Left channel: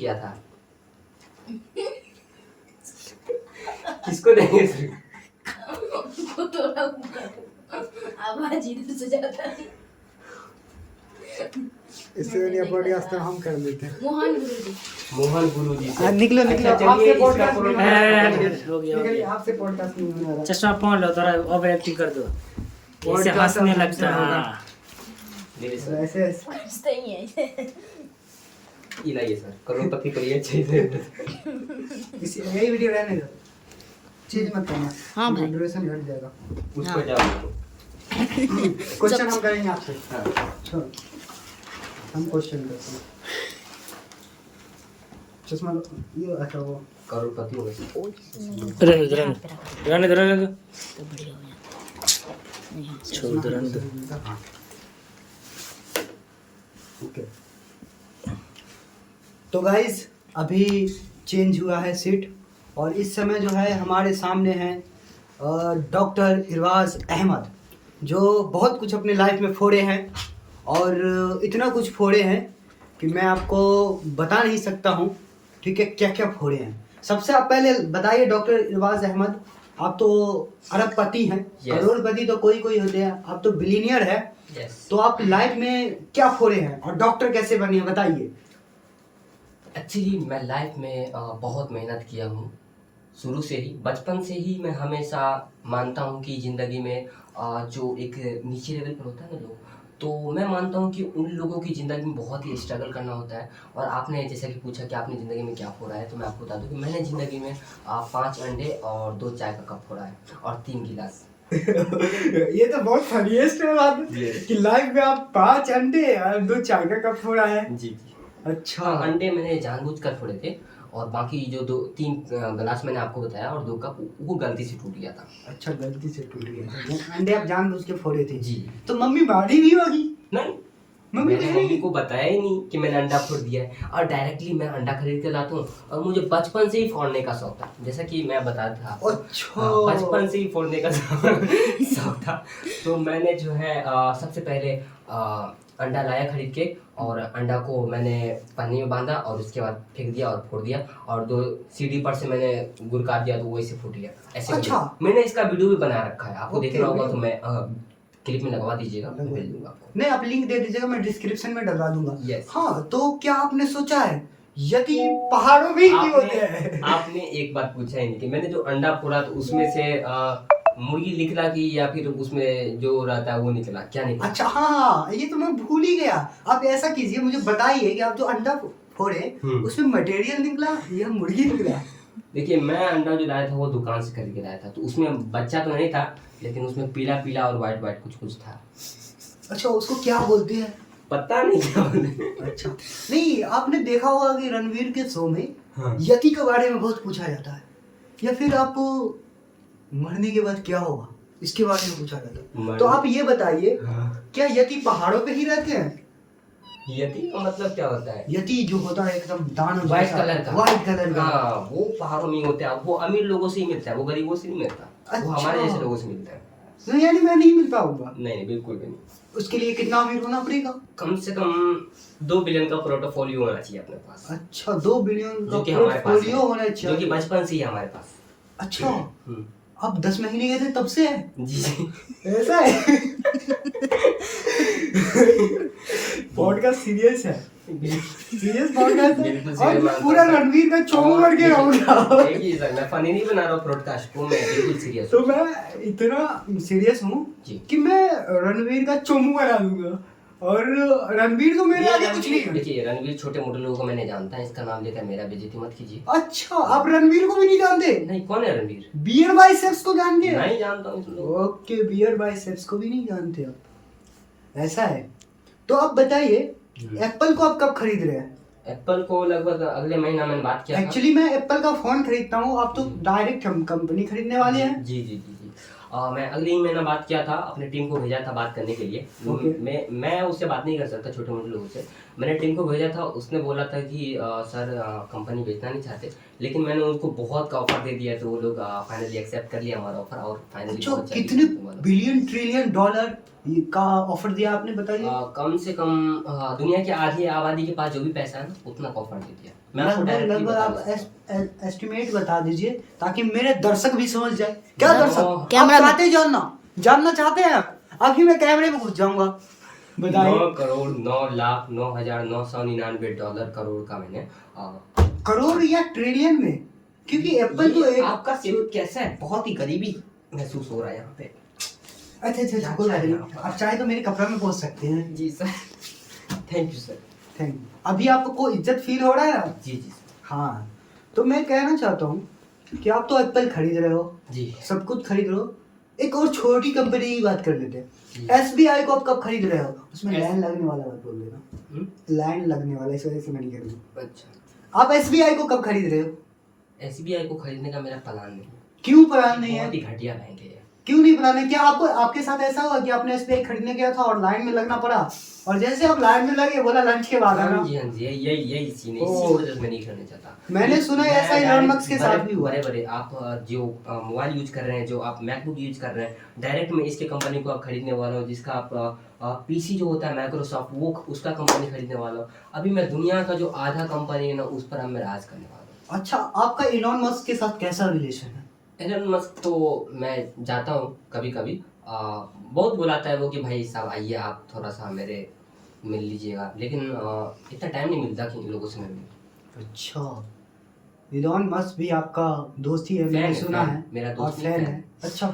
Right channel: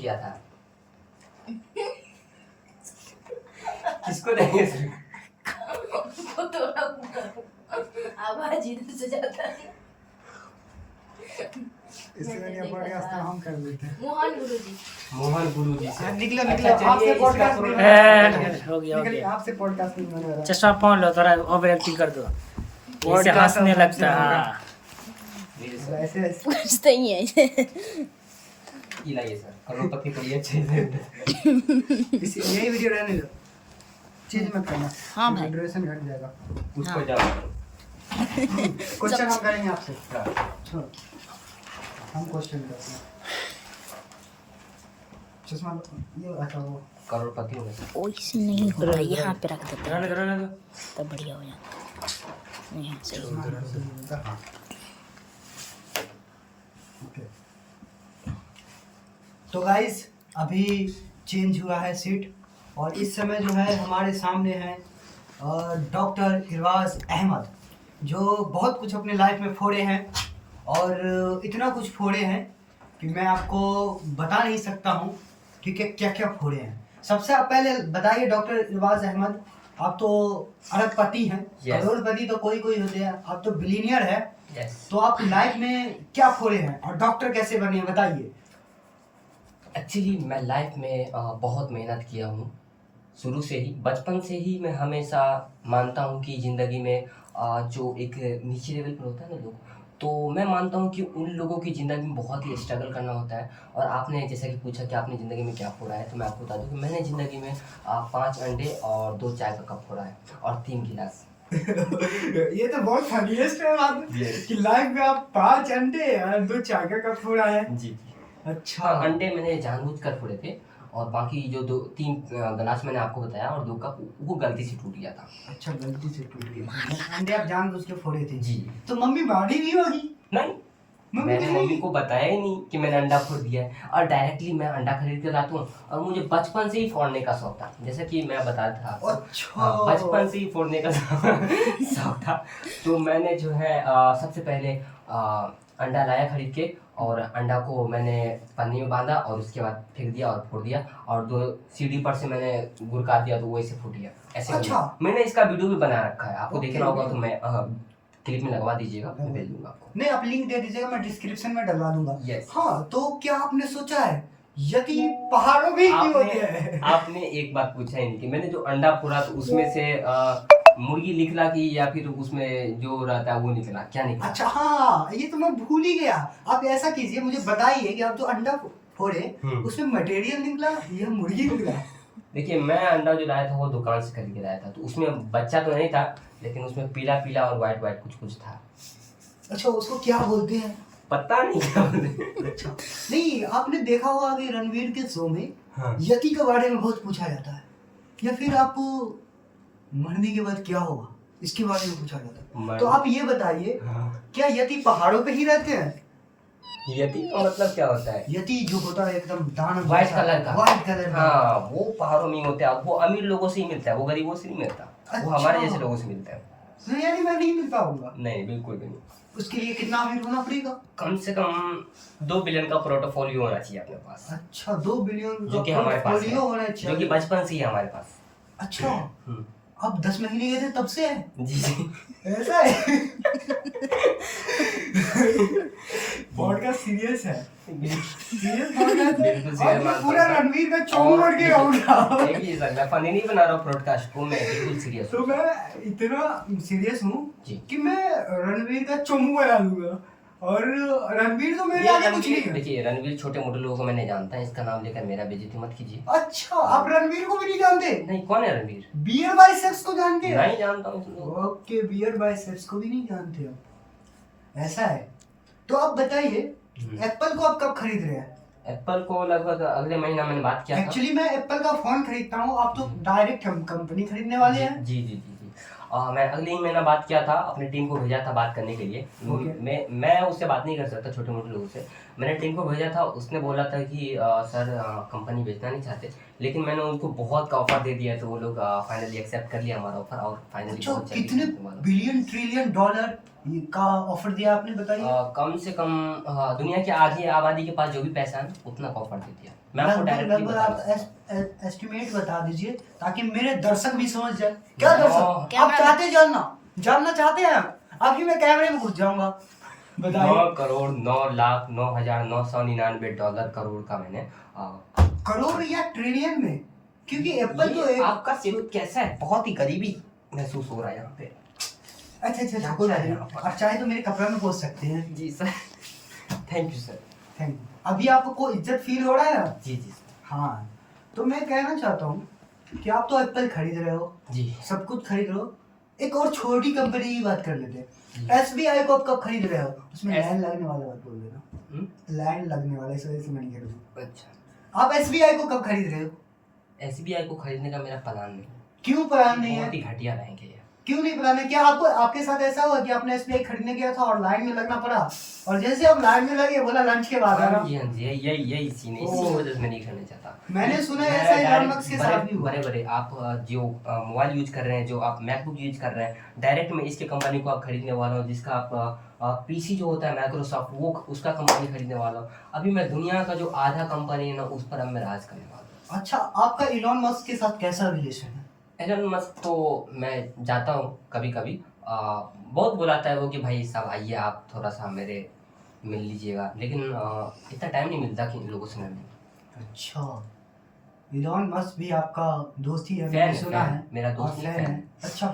किया था? किसको देंगे सर? आवाज इधर से जाता है। इससे पॉडकास्ट हम कर लेते हैं। मोहन गुरुजी हाँ, निकलो अच्छा, चलिए, आपसे इसका पॉडकास्ट प्रोडक्ट- नहीं हो गया हो निकलिए, गया। आपसे पॉडकास्ट नहीं होने वाला। चश्मा पहन लो, थोड़ा ओवर एक्टिंग कर दो, ऐसे Podcast हंसने अब लगता है। हमसे होगा। हाँ। ले सर, ऐसे कुछ नहीं है। ये लाइए सर, करोड़पति करिए अच्छे से। यही वीडियो रहने दो, चेंज मत करना। हाँ भाई। ड्यूरेशन घट जाएगा। उस हाँ। पर जाओ। क्वेश्चन हम करेंगे आपसे। हाँ। छोड़, हम क्वेश्चन करते हैं। चश्मा ये अच्छा वो करोड़पति हो गए सर। ओइसे नहीं इधर होगा, इधर यहाँ पे रख देते रहने दो, रहने दो। तब बढ़िया हो जाता। यहाँ से। चश्मा हाँ। ओके। तो गाइस अभी चेंज हुआ है सीट और इस समय जो है हमारे सामने है डॉक्टर इरवाज अहमद, जो बहुत कुछ अपने लाइफ में फोड़े हैं और इतना कुछ फोड़े हैं कि मैं आपको बता नहीं सकता हूँ। ठीक है, क्या क्या फोड़े हैं। सबसे आप पहले बताइए डॉक्टर इरवाज अहमद, आप तो अरबपति हैं। Yes. करोड़पति तो कोई कोई होते हैं, आप तो बिलीनियर है। यस। तो आप लाइफ में क्या फोड़े हैं और डॉक्टर कैसे बने, बताइए। एक्चुअली मैं लाइफ में बहुत मेहनत किया हूँ शुरू से ही। बचपन से ही मैं हमेशा मानता हूँ कि ज़िंदगी में जो एक नीचे लेवल पर होता है ना लोग, तो मैं मानता हूँ कि उन लोगों की ज़िंदगी में बहुत ही स्ट्रगल करना होता है। और आपने जैसा कि पूछा कि आपने ज़िंदगी में क्या फोड़ा है, तो मैं आपको बता दूँ कि मैंने ज़िंदगी में 5 अंडे और 2 चाय का कप फोड़ा है और 3 गिलास। ये तो बहुत फनीएस्ट है बात Yes. कि लाइफ में आप 5 अंडे और 2 चाय का कप फोड़ा है। जी जी। अच्छा। हाँ, अंडे मैंने जानबूझकर फोड़े थे और बाकी जो 3 गिलास मैंने आपको बताया और 2 कप वो गलती से टूट गया था। अच्छा, गलती से टूट गया। अंडे आप जानबूझ के फोड़े थे। जी। तो मम्मी मारी भी होगी। नहीं, मम्मी मैंने नहीं? मम्मी को बताया ही नहीं कि मैंने अंडा फोड़ दिया है। और डायरेक्टली मैं अंडा खरीद के लाता हूँ और मुझे बचपन से ही फोड़ने का शौक था, जैसा कि मैं बताया था आपको। अच्छा। हाँ, बचपन से ही फोड़ने का शौक था। तो मैंने जो है सबसे पहले अंडा लाया खरीद के और अंडा को मैंने पन्नी में बांधा और उसके बाद फेंक दिया और फोड़ दिया और 2 सीढ़ी पर से मैंने गुरका दिया तो वो ऐसे फूट गया। ऐसे अच्छा। मैंने इसका वीडियो भी बना रखा है, आपको ओके, देखना होगा तो ओके। मैं क्लिप में लगवा दीजिएगा, मैं भेज दूंगा आपको। नहीं, आप लिंक दे दीजिएगा, मैं डिस्क्रिप्शन में डलवा दूंगा। Yes. हाँ, तो क्या आपने सोचा है यदि पहाड़ों में ही क्यों होते हैं? आपने एक बात पूछा ही नहीं कि मैंने जो अंडा फोड़ा तो उसमें से मुर्गी निकला कि या फिर उसमें जो रहता है वो निकला, क्या निकला? अच्छा, हाँ, ये तो मैं भूल ही गया। आप ऐसा कीजिए, मुझे बताइए कि आप जो अंडा फोड़े उसमें मटेरियल निकला या मुर्गी निकला? देखिए, मैं अंडा जो लाया था वो दुकान से खरीद के लाया था, तो उसमें बच्चा तो नहीं था लेकिन उसमें पीला पीला और वाइट वाइट कुछ कुछ था। अच्छा, उसको क्या बोलते हैं? पता नहीं क्या बोलते। अच्छा, नहीं, आपने देखा होगा कि रणवीर के शो में हाँ। यति के बारे में बहुत पूछा जाता है, या फिर आप मरने के बाद क्या होगा इसके बारे में पूछा जाता है। तो आप ये बताइए, क्या यति पहाड़ों पे ही रहते हैं? यति का मतलब क्या होता है? यति जो होता है एकदम दानव व्हाइट जैसा, कलर का। व्हाइट कलर का। हाँ, वो पहाड़ों में ही होता है। वो अमीर लोगों से ही मिलता है, वो गरीबों से नहीं मिलता। वो अच्छा। हमारे जैसे लोगों से मिलता है। तो यानी मैं नहीं मिल पाऊंगा? नहीं, बिल्कुल भी नहीं। उसके लिए कितना अमीर होना पड़ेगा? कम से कम 2 बिलियन का पोर्टफोलियो होना चाहिए अपने पास, अच्छा, 2 बिलियन जो कि हमारे पास पोर्टफोलियो होना है, चाहिए, जो कि बचपन से ही है हमारे पास। अच्छा, हम्म। अब 10 महीने गए थे तब से है? जी जी। ऐसा है? पॉडकास्ट सीरियस है, सीरियस पॉडकास्ट है। बिल्कुल और serious मैं बात पूरा है। रणवीर का चोमू और बन के रहूंगा। देखिए सर, मैं फनी नहीं बना रहा हूँ ब्रॉडकास्ट को, मैं बिल्कुल सीरियस तो हूँ। मैं इतना सीरियस हूँ जी। कि मैं रणवीर का चोमू बना दूंगा और रणवीर तो मेरे आगे कुछ नहीं है। देखिए, रणवीर छोटे मोटे लोगों को मैं नहीं जानता, इसका नाम लेकर मेरा बेइज्जती मत कीजिए। अच्छा, आप रणवीर को भी नहीं जानते? नहीं, कौन है रणवीर? बियर बाइसेप्स को जानते हैं? नहीं जानता हूँ इसको। ओके, बियर बाइसेप्स को भी नहीं जानते आप, ऐसा है। तो आप बताइए, एप्पल को आप कब खरीद रहे हैं? एप्पल को लगभग अगले महीना मैंने बात किया था। एक्चुअली मैं एप्पल का फोन खरीदता हूँ, आप तो डायरेक्ट कंपनी खरीदने वाले हैं। जी जी जी जी। मैं अगले ही महीना बात किया था, अपनी टीम को भेजा था बात करने के लिए। Okay. मैं उससे बात नहीं कर सकता छोटे मोटे लोगों से, मैंने टीम को भेजा था, उसने बोला था कि सर कंपनी बेचना नहीं चाहते, लेकिन मैंने उनको बहुत का ऑफर दे दिया, तो वो लोग फाइनली एक्सेप्ट कर लिया हमारा ऑफर और फाइनली अच्छा, कितने बिलियन ट्रिलियन डॉलर का ऑफर दिया आपने, बताइए। कम से कम दुनिया की आधी आबादी के पास जो भी पैसा है ना, उतना का ऑफर दे दिया। मैं आपको डायरेक्टली लगभग बता आप दूं। एस्टिमेट बता दीजिए ताकि मेरे दर्शक भी समझ जाए। क्या नौ- दर्शक, आप कैमरा में- चाहते जानना चाहते हैं? अभी मैं कैमरे में घुस जाऊंगा, बताइए। 9,09,999 करोड़ का मैंने करोड़ या ट्रिलियन में? क्योंकि एप्पल तो एक आपका सिर कैसा है, बहुत ही गरीबी महसूस हो रहा है यहाँ पे। अच्छा कोई बात नहीं, आप चाहे तो मेरे कपड़े में पहुंच सकते हैं। जी sir, thank you sir. Thank you. अभी आपको इज्जत फील हो रहा है ना? जी जी सर। हाँ, तो मैं कहना चाहता हूँ कि आप तो एप्पल खरीद रहे हो, जी सब कुछ खरीद रहे हो, एक और छोटी कंपनी की बात कर लेते हैं। जी। SBI को आप कब खरीद रहे हो? उसमें S- लाइन लगने वाला बात बोल देना, लाइन लगने वाला, इस वजह से मैं नहीं करूँगा। अच्छा, आप SBI को कब खरीद रहे हो? SBI को खरीदने का मेरा प्लान नहीं है। क्यों प्लान नहीं है? बहुत ही घटिया बैंक है ये। क्यों नहीं प्लान है? क्या आपके साथ ऐसा हुआ कि आपने SBI खरीदने गया था और लाइन में लगना पड़ा, और जैसे आप लाइन में लगे बोला लंच के बाद आना? हाँ जी, यही सीन है, इसी ओह। वजह से मैं नहीं करना चाहता। मैंने सुना है ऐसा इलॉन मस्क के साथ भी हुआ। बड़े आप जो मोबाइल यूज कर रहे हैं, जो आप मैकबुक यूज कर रहे हैं, डायरेक्ट में इसके कंपनी को आप खरीदने वाला हूँ, जिसका आप पीसी जो होता है माइक्रोसॉफ्ट, वो उसका कंपनी खरीदने वाला हूँ। अभी मैं दुनिया का जो आधा कंपनी है ना, उस पर अब मैं राज करने वाला हूँ। अच्छा, आपका इलॉन मस्क के साथ कैसा रिलेशन है? एलन मस्क तो मैं जाता हूँ कभी कभी, बहुत बुलाता है वो कि भाई साहब आइए, आप थोड़ा सा मेरे मिल लीजिएगा, लेकिन इतना टाइम नहीं मिलता कि इन लोगों से मैं मिलूं। अच्छा, इलॉन मस्क भी आपका दोस्त ही है, फैन मैंने है, सुना फैन। है। मेरा दोस्त आप नहीं, फैन फैन। है? अच्छा,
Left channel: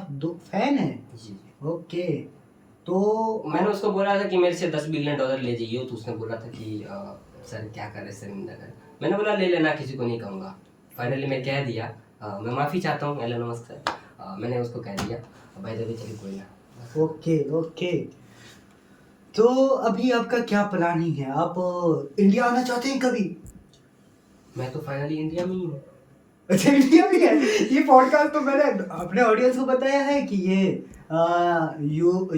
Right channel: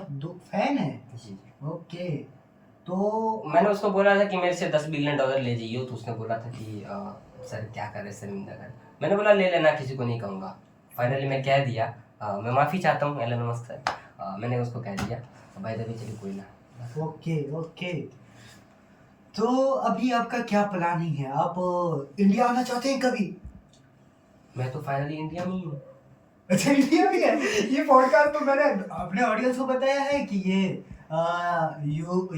फैन है। जी जी। ओके, तो मैंने उसको बोला था कि मेरे से $10 बिलियन ले जाइए, तो उसने बोला था कि सर क्या करे शर्मिंदा कर। मैंने बोला ले लेना, किसी को नहीं कहूँगा। फाइनली मैं कह दिया, मैं माफ़ी चाहता हूँ एलन मस्क से, मैंने उसको कह दिया। भाई दबे चलिए कोई ना। ओके, तो अभी आपका क्या प्लानिंग है? आप इंडिया आना चाहते हैं कभी? मैं तो फाइनली इंडिया में ही हूँ। अच्छा, इंडिया भी है। ये पॉडकास्ट तो मैंने अपने ऑडियंस को बताया है कि ये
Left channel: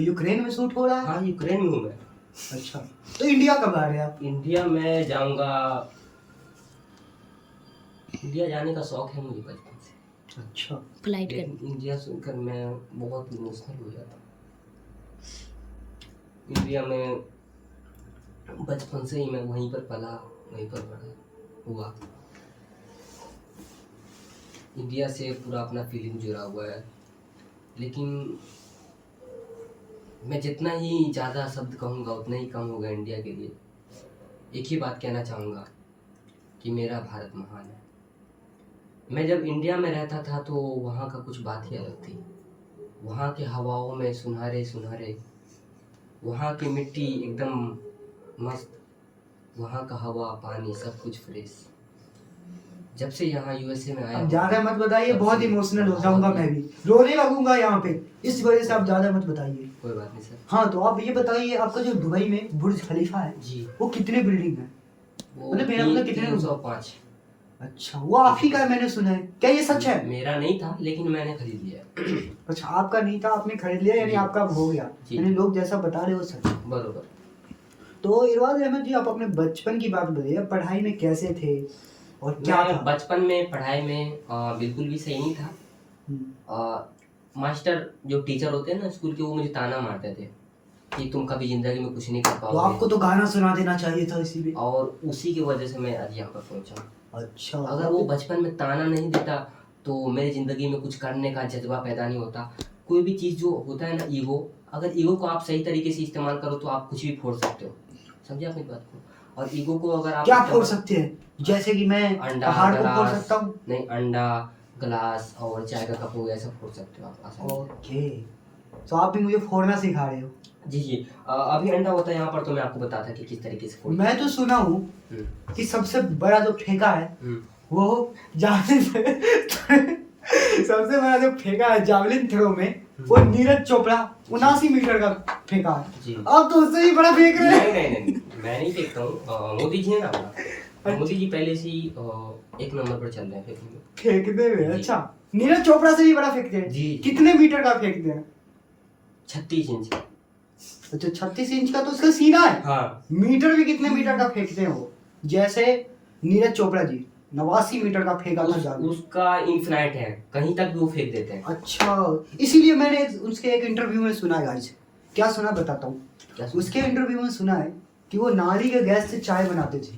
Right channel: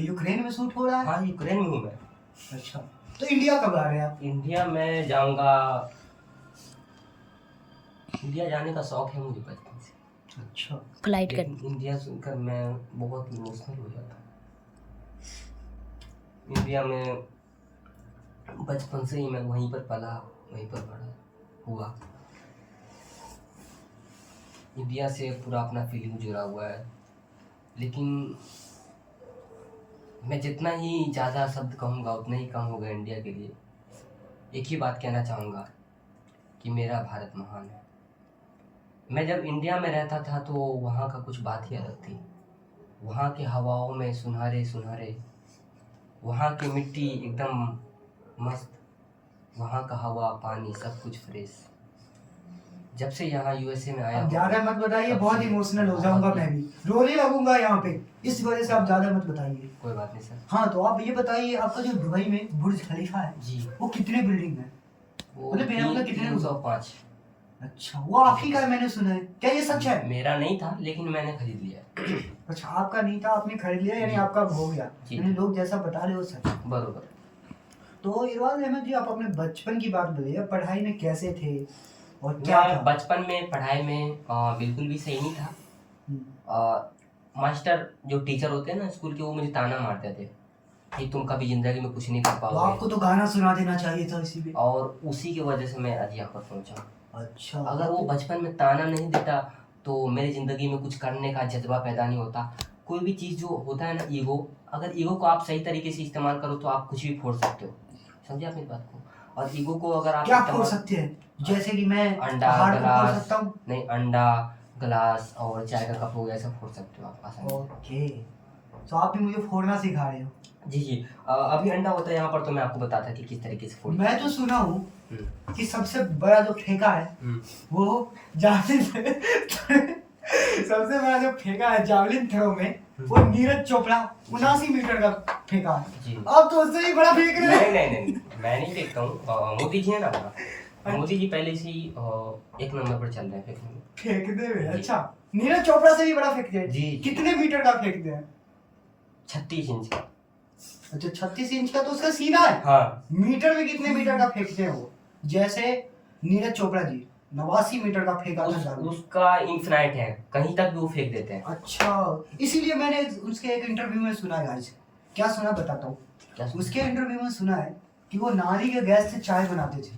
यूक्रेन में शूट हो रहा है। हाँ, यूक्रेन में हूँ मैं। अच्छा, तो इंडिया कब आ रहे हैं आप? इंडिया में जाऊँगा, इंडिया जाने का शौक है मुझे बचपन से। अच्छा, फ्लाइट कर लेकिन इंडिया सुनकर मैं बहुत इमोशनल हो जाता हूँ। इंडिया में बचपन से ही मैं वहीं पर पला, वहीं पर बड़ा हुआ। इंडिया से पूरा अपना फीलिंग जुड़ा हुआ है, लेकिन मैं जितना ही ज़्यादा शब्द कहूँगा उतना ही कम होगा इंडिया के लिए। एक ही बात कहना चाहूँगा कि मेरा भारत महान है। मैं जब इंडिया में रहता था तो वहाँ का कुछ बात ही अलग थी। वहाँ के हवाओं में सुनहरे सुनहरे, वहाँ की मिट्टी एकदम मस्त, वहाँ का हवा पानी सब कुछ फ्रेश। जब से यहाँ USA में आया अब हूँ, ज्यादा मत बताइए, तब बहुत से इमोशनल हो जाऊंगा, मैं भी रोने लगूंगा यहाँ पे, इस वजह से आप ज्यादा मत बताइए। कोई बात नहीं सर। हाँ, तो आप ये बताइए, आपका जो दुबई में बुर्ज खलीफा है जी, वो कितने बिल्डिंग है? वो मतलब मेरा मतलब कितने 305। अच्छा, वो आप ही का है, मैंने सुना है, क्या ये सच है? मेरा नहीं था लेकिन मैंने खरीद लिया। अच्छा, आपका नहीं था, आपने खरीद लिया, यानी जी। आपका अब हो गया, जी। यानी लोग जैसा बता रहे हो सच है। बरोबर। तो इरवाज अहमद जी, आप अपने बचपन की बात बताइए, पढ़ाई में कैसे थे और क्या मैं था? बचपन में पढ़ाई में बिल्कुल भी सही नहीं था। मास्टर जो टीचर होते हैं ना स्कूल के, वो मुझे ताना मारते थे कि तुम कभी जिंदगी में कुछ नहीं कर तो आपको पाओगे, तो गाना सुना देना चाहिए था इसी पे। और उसी की वजह से मैं आज यहाँ पर पहुँचा। अच्छा, अगर वो बचपन में ताना नहीं देता तो मेरी ज़िंदगी में कुछ करने का जज्बा पैदा नहीं होता। कोई भी चीज़ जो होता है ना, ईगो, अगर ईगो को आप सही तरीके से इस्तेमाल करो तो आप कुछ भी फोड़ सकते हो। समझे आपने बात को? और ईगो को अगर आप क्या फोड़ सकते हैं? जैसे कि मैं अंडा, पहाड़ को फोड़ ग्लास, सकता हूँ। नहीं, अंडा, ग्लास और चाय का कप हो गया, सब फोड़ सकते हो आप आसानी से। ओके, तो आप भी मुझे फोड़ना सिखा रहे हो। जी जी। अभी अंडा होता है यहाँ पर, तो मैं आपको बताता कि किस तरीके से फोड़। मैं तो सुना हूँ कि सबसे बड़ा जो फेंका है वो जावलिन सबसे बड़ा जो फेंका है जावलिन थ्रो में, वो नीरज चोपड़ा 79 मीटर का फेंका है। जी। आप तो उससे ही बड़ा फेंक रहे हैं। नहीं, मैं नहीं देखता हूँ। मोदी जी है ना हमारा, मोदी जी पहले से ही 1 नंबर पर चल रहे हैं फेंकने में। फेंकते हुए? जी। अच्छा, नीरज चोपड़ा से ही बड़ा फेंकते हैं? जी। कितने मीटर का फेंकते हैं? 36 इंच का। अच्छा 36 इंच का तो उसका सीना है। हाँ मीटर भी कितने मीटर का फेंकते हैं वो? जैसे नीरज चोपड़ा जी 89 मीटर का फेंका था जादू। उसका इन्फिनाइट है, कहीं तक भी वो फेंक देते हैं। अच्छा, इसीलिए मैंने उसके एक इंटरव्यू में सुना गाइस, क्या सुना बताता हूँ। क्या सुना? उसके इंटरव्यू में सुना है कि वो नाली के गैस से चाय बनाते थे।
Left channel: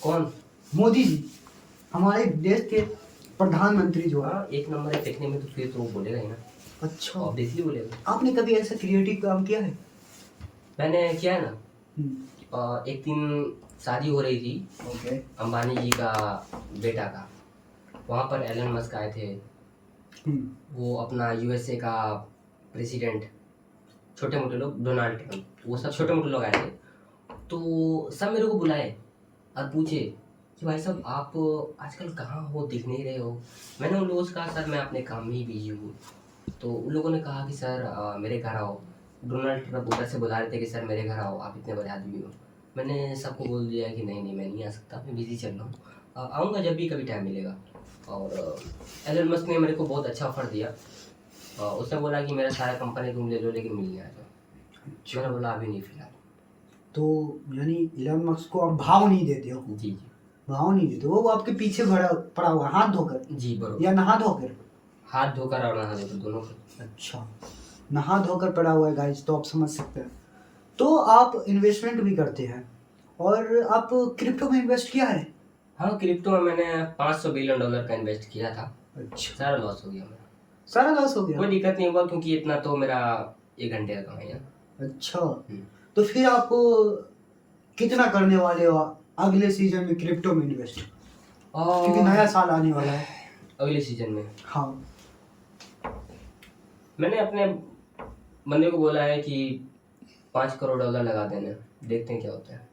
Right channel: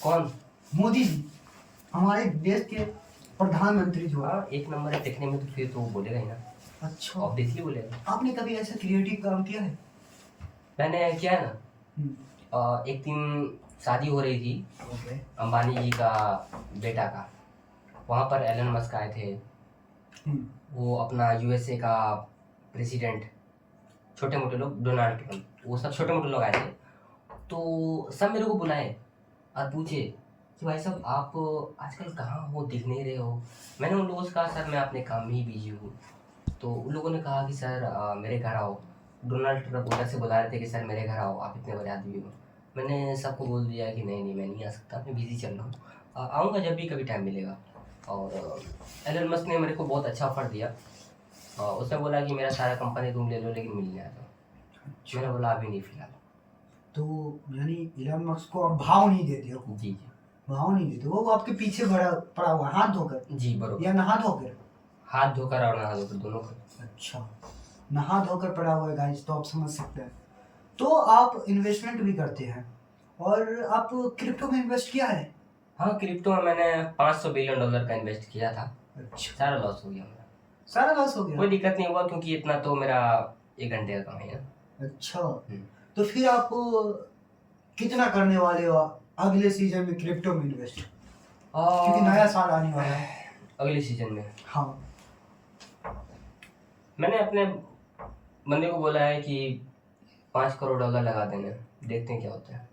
कौन? मोदी जी, हमारे देश के प्रधानमंत्री जो है। हाँ एक नंबर है देखने में, तो फिर तो वो बोलेगा ही ना, अच्छा, ऑब्वियसली बोलेगा। आपने कभी ऐसा क्रिएटिव काम किया है? मैंने किया है ना। हम्म, एक दिन शादी हो रही थी ओके। अंबानी जी का बेटा का, वहाँ पर एलन मस्क आए थे, हम्म, वो अपना यूएसए का प्रेसिडेंट, छोटे मोटे लोग, डोनाल्ड ट्रम्प, वो सब छोटे मोटे लोग आए थे। तो सब मेरे को बुलाए और पूछे कि भाई साहब आप आजकल कहाँ हो, दिख नहीं रहे हो। मैंने उन लोगों से कहा सर मैं अपने काम में ही बिजी हूँ। तो उन लोगों ने कहा कि सर मेरे घर आओ। डोनाल्ड ट्रम्प उधर से बुला रहे थे कि सर मेरे घर आओ, आप इतने बड़े आदमी हो। मैंने सबको बोल दिया कि नहीं नहीं मैं नहीं आ सकता, मैं बिज़ी चल रहा हूँ, आऊँगा जब भी कभी टाइम मिलेगा। और एलन मस्क ने मेरे को बहुत अच्छा ऑफर दिया। उसने बोला कि मेरा सारा कंपनी रूम ले लो लेकिन मिलने आ जाओ। मैंने बोला अभी नहीं फिलहाल। तो यानी इलॉन मस्क को आप भाव नहीं देते हो? जी जी भाव नहीं देते, वो आपके पीछे पड़ा पड़ा हुआ है, हाथ धोकर जी बरोबर। या नहा धोकर? हाथ धोकर और नहा धोकर दोनों को। अच्छा, नहा धोकर पड़ा हुआ है गाइस, तो आप समझ सकते हैं। तो आप इन्वेस्टमेंट भी करते हैं और आप क्रिप्टो में इन्वेस्ट किया है? हाँ क्रिप्टो में मैंने $500 बिलियन का इन्वेस्ट किया था, अच्छा, सारा लॉस हो गया मेरा। सारा लॉस हो गया? कोई दिक्कत नहीं हुआ क्योंकि इतना तो मेरा 1 घंटे का कमाई है। अच्छा, तो फिर आप कितना करने वाले हो अगले सीजन में क्रिप्टो में इन्वेस्ट, क्योंकि और नया साल आने वाला है? अगले सीजन में हाँ, मैंने अपने बंदे को बोला है कि $5 करोड़ लगा देने, देखते हैं क्या होता है।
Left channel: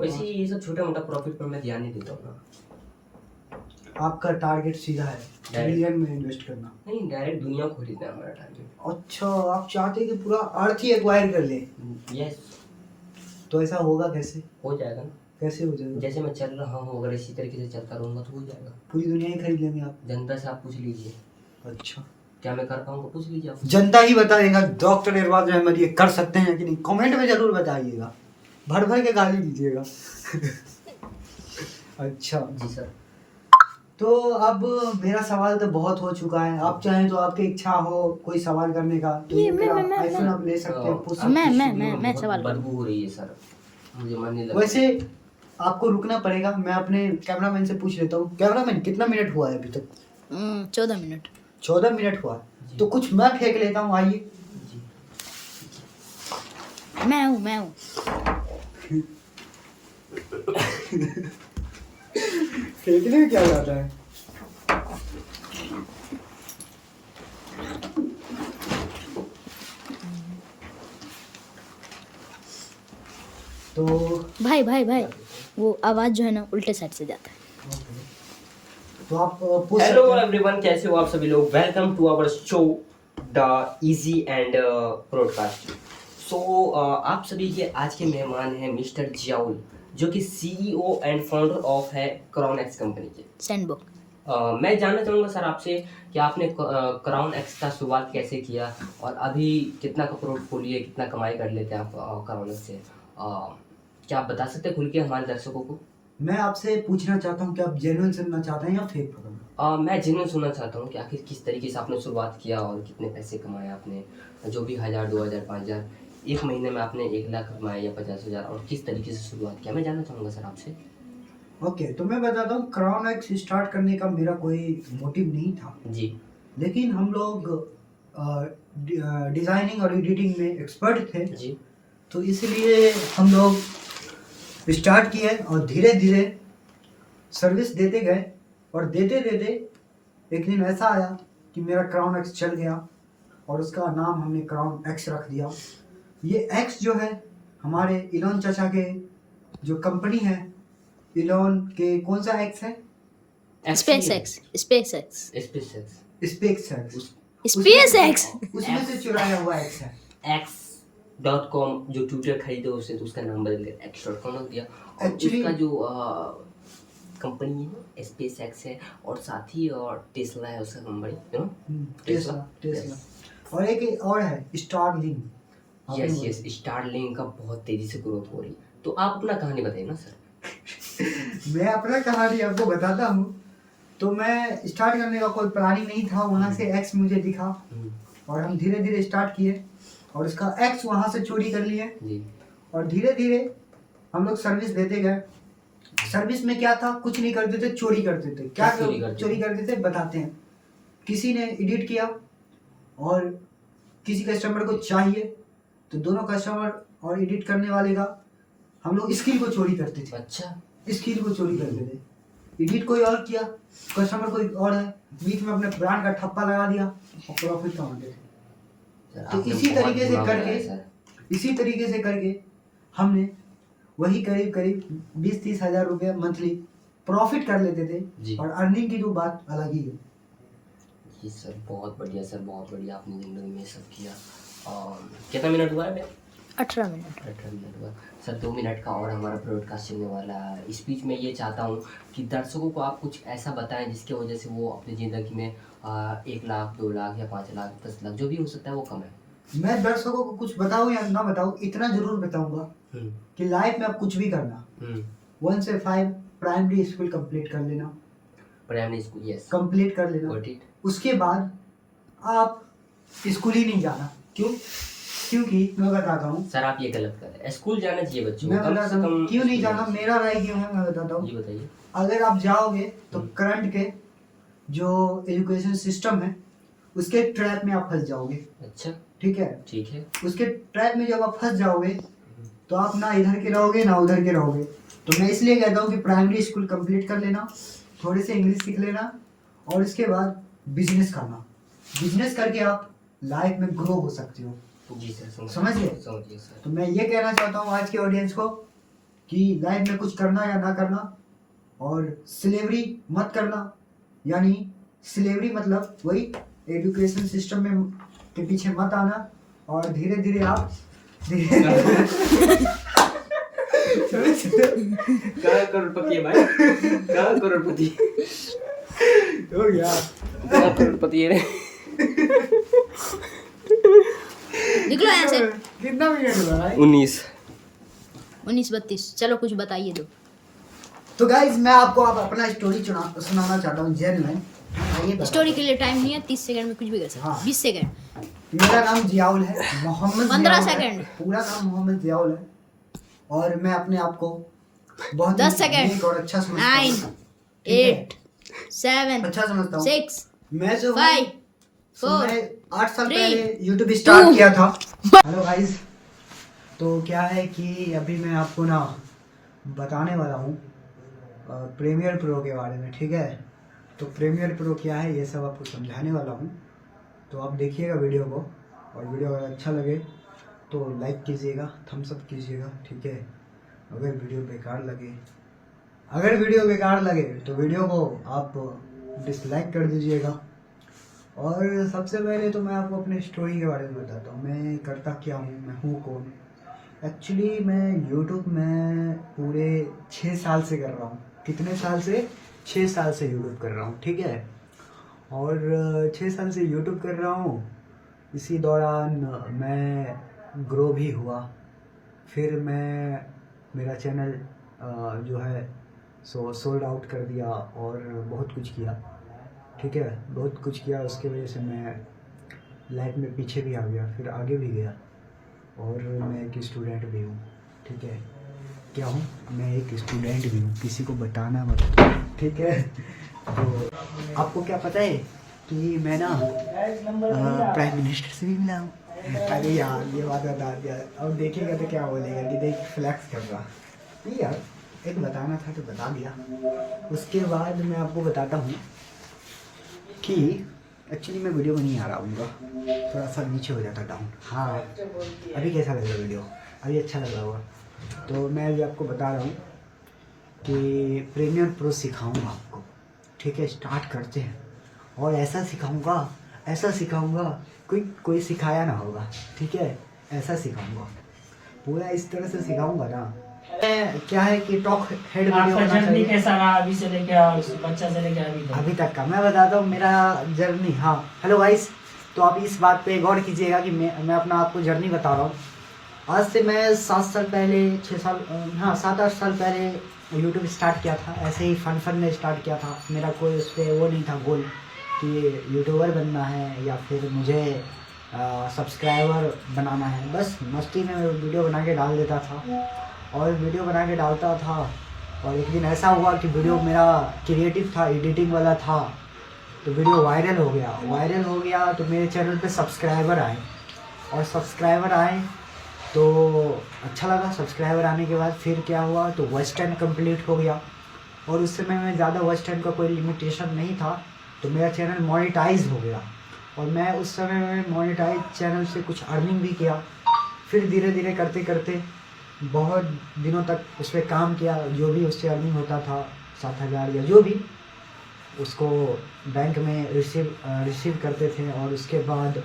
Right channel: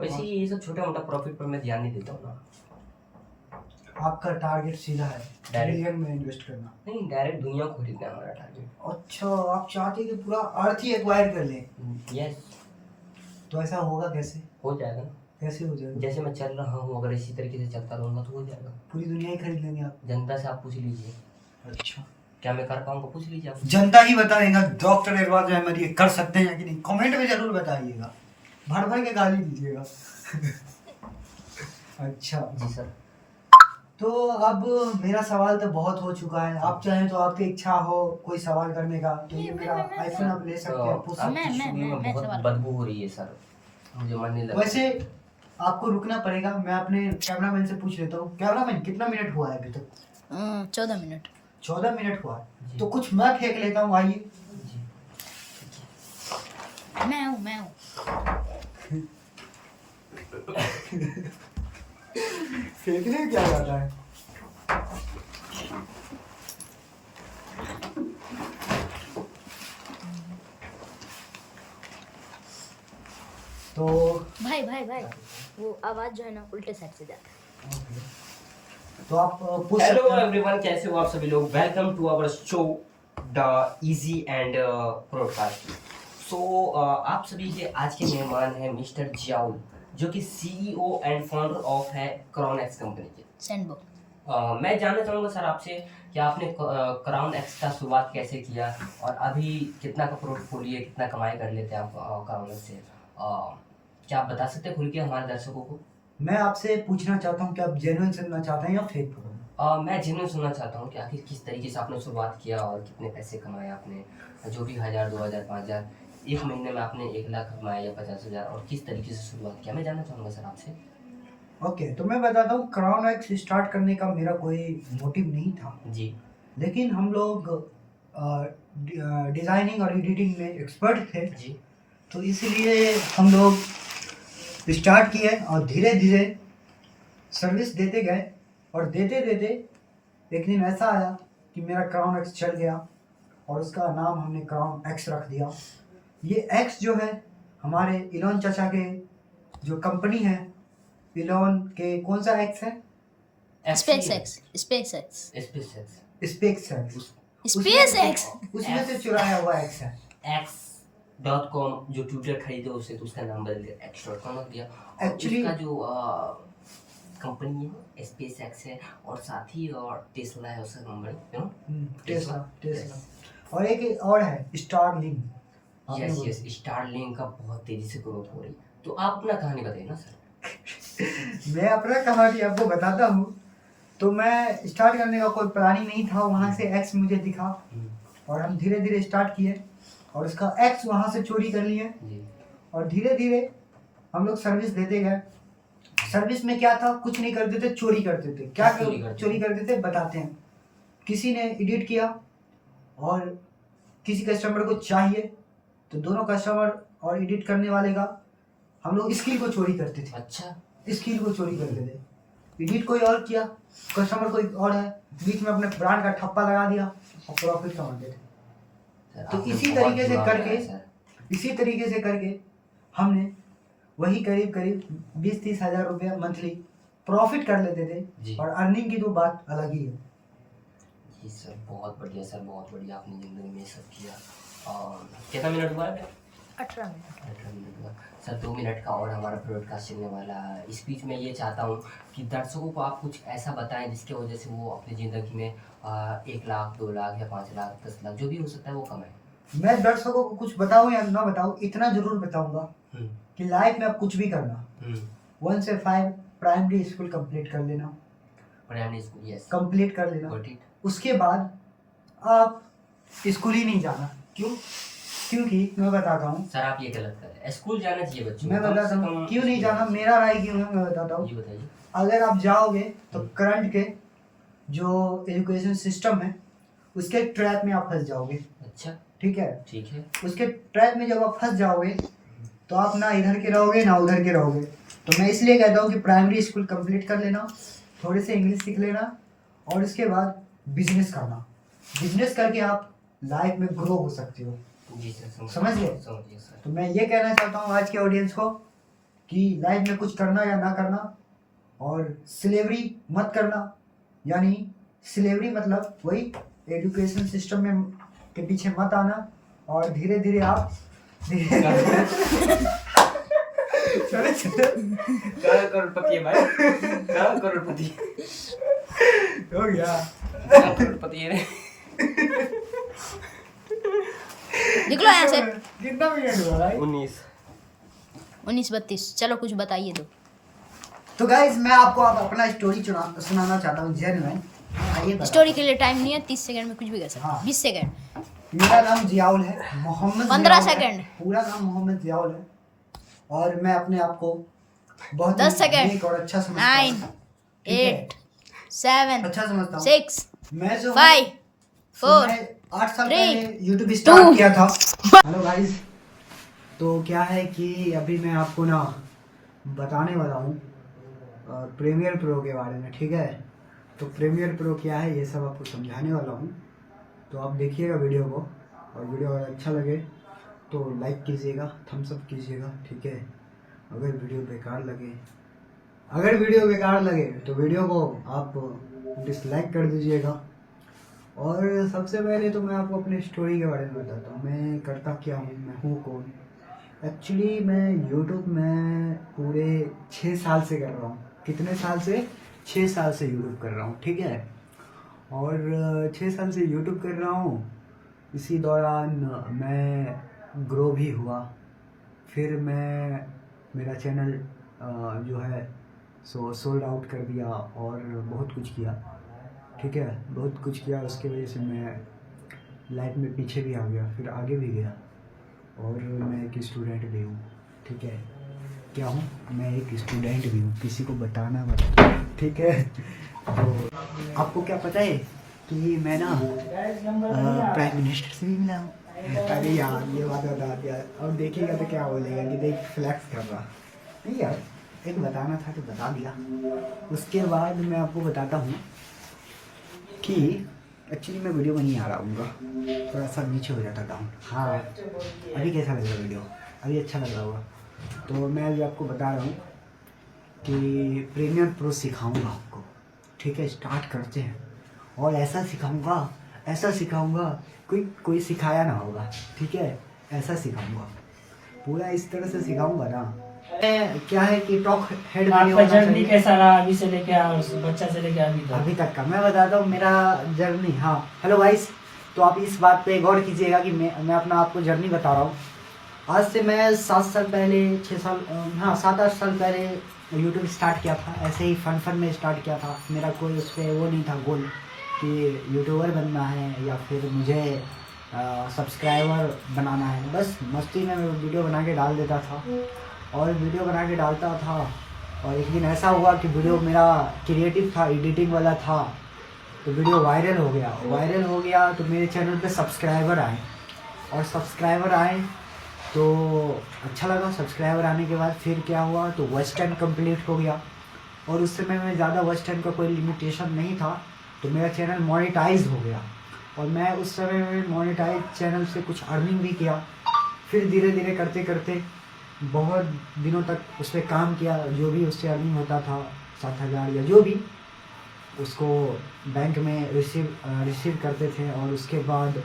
वैसे ये सब छोटा मोटा प्रॉफिट पर मैं ध्यान नहीं देता हूँ ना। आपका टारगेट सीधा है Direct। बिलियन में इन्वेस्ट करना? नहीं डायरेक्ट दुनिया को खरीदना है हमारा टारगेट। अच्छा, आप चाहते हैं कि पूरा अर्थ ही एक्वायर कर लें? यस, तो ऐसा होगा कैसे? हो जाएगा ना। कैसे हो जाएगा? जैसे मैं चल रहा हूँ अगर इसी तरीके से चलता रहूँगा तो हो जाएगा। पूरी दुनिया ही खरीद लेंगे आप? जनता से आप पूछ लीजिए, अच्छा, क्या मैं कर पाऊंगा, पूछ लीजिए आप। जनता ही बताएगा डॉक्टर इरफान अहमद ये कर सकते हैं कि नहीं। कमेंट में जरूर बताइएगा, भर भर के गाली दीजिएगा। अच्छा जी सर। तो अब मेरा सवाल तो बहुत हो चुका है, आप चाहें तो आपकी इच्छा हो कोई सवाल करने का तो ये मेरा आईफोन आप ले सकते हैं, पूछ सकते आपकी मैं- स्टूडियो में मैं बहुत सवाल बदबू हो रही है सर, मुझे मन नहीं हैं। लग रहा। वैसे आपको रुकना पड़ेगा, मैं अपने कैमरामैन से पूछ लेता हूँ। कैमरामैन कितना मिनट हुआ है अभी तक? 14 मिनट। 14 मिनट हुआ है, जी। तो कुछ मैं फेंक लेता हूँ, आइए। जी मैं हूँ फेंकने में क्या जाता है? तो भाई वो आवाज़ जो है ना उल्टे साइड से जाता है। तो आप पूछ हेलो सकते हैं। एवरीवन, कैसे हो आप सभी लोग। Welcome to our show the easy and broadcast. So आप सभी के आज के मेहमान हैं मिस्टर जियाउल, जो कि सीईओ एंड फाउंडर ऑफ है क्राउन एक्स कंपनी के। सैंडबॉक्स। मैं जानना चाहूँगा सर आपसे कि आपने क्राउन एक्स का शुरुआत कैसे किया और अभी कितना का पोर्टफोलियो, कितना कमाई कर लेते हैं आप क्राउन एक्स से। क्या आप बता सकते हैं खुल के हमारे दर्शकों को। मैं आपसे पूछना चाहता हूँ कि आप जेन्युइन सुनना चाहते हैं या फेक पकड़ना? मैं जेन्युइन सुनना चाहता हूँ कि आखिर किस तरीके से आपने शुरुआत किया और कितने पैसे कमाए आपने, जो भी 1000, 2000, 5000, एक महीने में आपने 1 लाख कमाया या 50,000, और किस तरीके से शुरुआत किया, मैं जानना चाहूँगा सर आपसे। ओके, तो मैं बताता हूँ, क्राउन एक्स स्टार्ट करने का मेरा कोई मोटिव नहीं था, जी लेकिन हम लोग डिज़ाइनिंग और एडिटिंग में एक्सपर्ट थे, जी तो इसलिए हम लोग स्टार्ट किए और धीरे धीरे सर्विस देते गए, और देते देते एक दिन ऐसा आया कि मेरा क्राउन एक्स चल गया और उसका नाम हमने क्राउन एक्स रख दिया। ये एक्स जो है हमारे इलॉन चाचा के जो कंपनी है, इलॉन के कौन सा एक्स है? Space x. Space x space x. Space x. उसमें से चुराया हुआ एक्स है। x.com जो ट्विटर खरीदे उसने तो उसका नाम बदल कर x.com रख दिया। और Actually- उसका जो कंपनी है स्पेस एक्स है, और साथ ही और टेस्ला है उसका कंपनी, यू नो। टेस्ला। और एक और है स्टारलिंक। आपने यस बोला। यस, स्टारलिंक का बहुत तेजी से ग्रोथ हो रही। तो आप अपना कहानी बताइए ना सर। मैं अपना कहानी आपको बताता हूँ। तो मैं स्टार्ट करने का कोई प्लानिंग नहीं था, वहाँ से एक्स मुझे दिखा और हम धीरे धीरे स्टार्ट किए और उसका एक्स वहाँ से चोरी कर लिए जी और धीरे धीरे हम लोग सर्विस देते गए। सर्विस में क्या था, कुछ नहीं करते थे, चोरी करते थे। क्या क्या चोरी करते थे? चोरी करते थे बताते हैं। किसी ने एडिट किया और किसी कस्टमर को चाहिए तो दोनों कस्टमर और एडिट करने वाले का हम लोग स्किल को चोरी करते थे। अच्छा, स्किल को चोरी करते थे। एडिट कोई और किया, कस्टमर कोई और है, बीच में अपने ब्रांड का ठप्पा लगा दिया और प्रॉफिट कमाते थे। सर, तो आपने इसी बहुत तरीके से दिमाग करके लगाया सर। इसी तरीके से करके हमने वही करीब करीब 20-30 हज़ार रुपये मंथली प्रॉफिट कर लेते जी। थे। और अर्निंग की तो बात अलग ही है। जी सर, बहुत बढ़िया सर, बहुत बढ़िया आपने ज़िंदगी में सब किया। और कितना मिनट हुआ है भाई? 18 मिनट। 18 मिनट हुआ सर। 2 मिनट का और हमारा ब्रॉडकास्ट चलने वाला है। इस बीच में ये चाहता हूँ कि दर्शकों को आप कुछ ऐसा बताएं जिसकी वजह से वो अपनी ज़िंदगी में 1 लाख, 2 लाख या 5 लाख, 10 लाख जो भी हो सकता है वो कमाएं। मैं दर्शकों को कुछ बताऊं या ना बताऊं, इतना जरूर बताऊंगा कि लाइफ में आप कुछ भी करना, 1 से 5 प्राइमरी स्कूल कंप्लीट कर लेना, प्राइमरी स्कूल, यस, कंप्लीट कर लेना। Got it. उसके बाद आप स्कूल ही नहीं जाना। क्यों? क्योंकि मैं बताता हूँ, सर आप ये गलत कर रहे हैं, स्कूल जाना चाहिए बच्चों मैं को, कम बताता से हूँ कम क्यों नहीं स्कूल जाना, मेरा राय क्यों है मैं बताता हूँ। जी बताइए। अगर आप जाओगे तो करंट के जो एजुकेशन सिस्टम है उसके ट्रैप में आप फंस जाओगे। अच्छा, ठीक है, ठीक है। उसके ट्रैप में जब आप फंस जाओगे तो आप ना इधर के रहोगे ना उधर के रहोगे। तो मैं इसलिए कहता हूँ कि प्राइमरी स्कूल कंप्लीट कर लेना, थोड़े से इंग्लिश सीख लेना और इसके बाद बिजनेस करना। बिजनेस करके आप लाइफ में ग्रो हो सकते हो। जी सर, समझ गए? समझिए सर। तो मैं ये कहना चाहता हूँ आज के ऑडियंस को कि लाइफ में कुछ करना या ना करना और स्लेवरी मत करना। यानी स्लेवरी मतलब वही एजुकेशन सिस्टम में के पीछे मत आना और धीरे धीरे आप कहाँ करोड़पति है भाई? कहाँ करोड़पति? हो गया। कहाँ करोड़पति है? निकलो यहाँ से। कितना मिनट हुआ भाई? 19। 19:32। चलो कुछ बताइए दो। तो गाइज मैं आपको अब अपना स्टोरी सुनाना चाहता हूँ, जेन्युइन। आइए स्टोरी के लिए टाइम नहीं है, 30 सेकंड में कुछ भी कर सकते हाँ। हैं। 20 सेकंड। मेरा नाम जियाउल है, मोहम्मद 15 जियाउल है। सेकंड। पूरा नाम मोहम्मद जियाउल है और मैं अपने आप को बहुत 10 ही सेकंड। नेक और अच्छा समझता 9 हूँ। ठीक है? 8 7 अच्छा समझता हूँ। 6 मैं जो 5 4 मैंने 8 साल 3 पहले यूट्यूब स्टार्ट किया था। हेलो गाइस, तो क्या है कि अभी मैं आपको ना बताने वाला हूँ प्रीमियर प्रो के बारे में। ठीक है, तो प्रीमियर प्रो क्या है ये सब आपको समझाने वाला हूँ। तो आप देखिएगा वीडियो को और वीडियो अगर अच्छा लगे तो लाइक कीजिएगा, थम्स अप कीजिएगा। ठीक है, अगर वीडियो बेकार लगे तो वीडियो को आप डिसलाइक कर दीजिएगा। और सबसे पहले तो मैं आपको अपने स्टोरी के बारे में बताता हूँ, मैं करता क्या हूँ, मैं हूँ कौन। एक्चुअली मैं यूट्यूब में पूरे 6 साल से कर रहा हूँ। कितने साल से? 6 साल से यूट्यूब कर रहा हूँ। ठीक है, और 6 साल से यूट्यूब कर रहा हूँ। इसी दौरान मैं ग्रो भी हुआ। फिर मेरा चैनल जो है सो सोल्ड आउट कर दिया और बहुत कुछ किया। ठीक है, बहुत कुछ किया, उसकी वजह से मैं लाइफ में पीछे भी आ गया, फिर आगे भी गया। और मैं एक स्टूडेंट भी हूँ। ठीक है, क्या हूँ? मैं एक स्टूडेंट भी हूँ, किसी को बताना मत। ठीक है, तो आपको क्या पता है कि मैं ना प्राइम मिनिस्टर से भी मिला हूँ। अरे यार ये बात बता दिया, अब देखिएगा तो क्या बोलेगा कि देख फ्लैक्स कर रहा। नहीं यार, एक बताना था तो बता दिया। उसके बाद मैं आपको बताता हूँ कि एक्चुअली मैं वीडियो में नहीं आ रहा हूँ, थोड़ा सा नीचे हो जाता डाउन। हाँ, अभी कैसा लग रहा है वीडियो? अभी अच्छा लग रहा होगा। तो मैं अभी आपको बता रहा हूँ कि प्रीमियर प्रो सिखाऊंगा आपको। ठीक है, स्टार्ट करते हैं। और ऐसा सिखाऊंगा कोई सिखाया ना होगा। ठीक है, ऐसा सिखाऊंगा, पूरा इस तरह से सिखाऊंगा ना। क्या है कि टॉक हेड वीडियो होना चाहिए। कैसा रहा अभी से लेके और बच्चा से लेके अभी तक का मैं बताता हूँ मेरा जर्नी। हाँ, हेलो गाइस, तो आप इस बात पे गौर कीजिएगा कि मैं अपना आपको जर्नी बता रहा हूँ। आज से मैं 7 साल पहले 6 साल हाँ 7-8 साल पहले यूट्यूब स्टार्ट किया था। ऐसे ही फन में स्टार्ट किया था। मेरा कोई उस पर वो नहीं था गोल कि यूट्यूबर बनना है या फिर मुझे सब्सक्राइबर बनाना है। बस मस्ती में मैं वीडियो बना के डाल देता था और वीडियो बना के डालता था। और एक दिन ऐसा हुआ कि वीडियो मेरा क्रिएटिव था, एडिटिंग वाला था, तो वीडियो वायरल हो गया तो मेरे चैनल पे सब्सक्राइबर आए और सब्सक्राइबर आए तो अच्छा लगा। सब्सक्राइबर आने के बाद फिर क्या हुआ तो वॉच टाइम कंप्लीट हो गया और उस समय में ज़्यादा वॉच टाइम का कोई लिमिटेशन नहीं था तो मेरा चैनल मोनेटाइज हो गया और मैं उस समय में मोनेटाइज चैनल से कुछ अर्निंग भी किया। फिर धीरे धीरे करते करते बहुत दिनों तक उस पर काम किया। जो भी उससे अर्निंग होता था 7,000 या जो भी, उसको बैंक में रिसीव करते थे और उसके बाद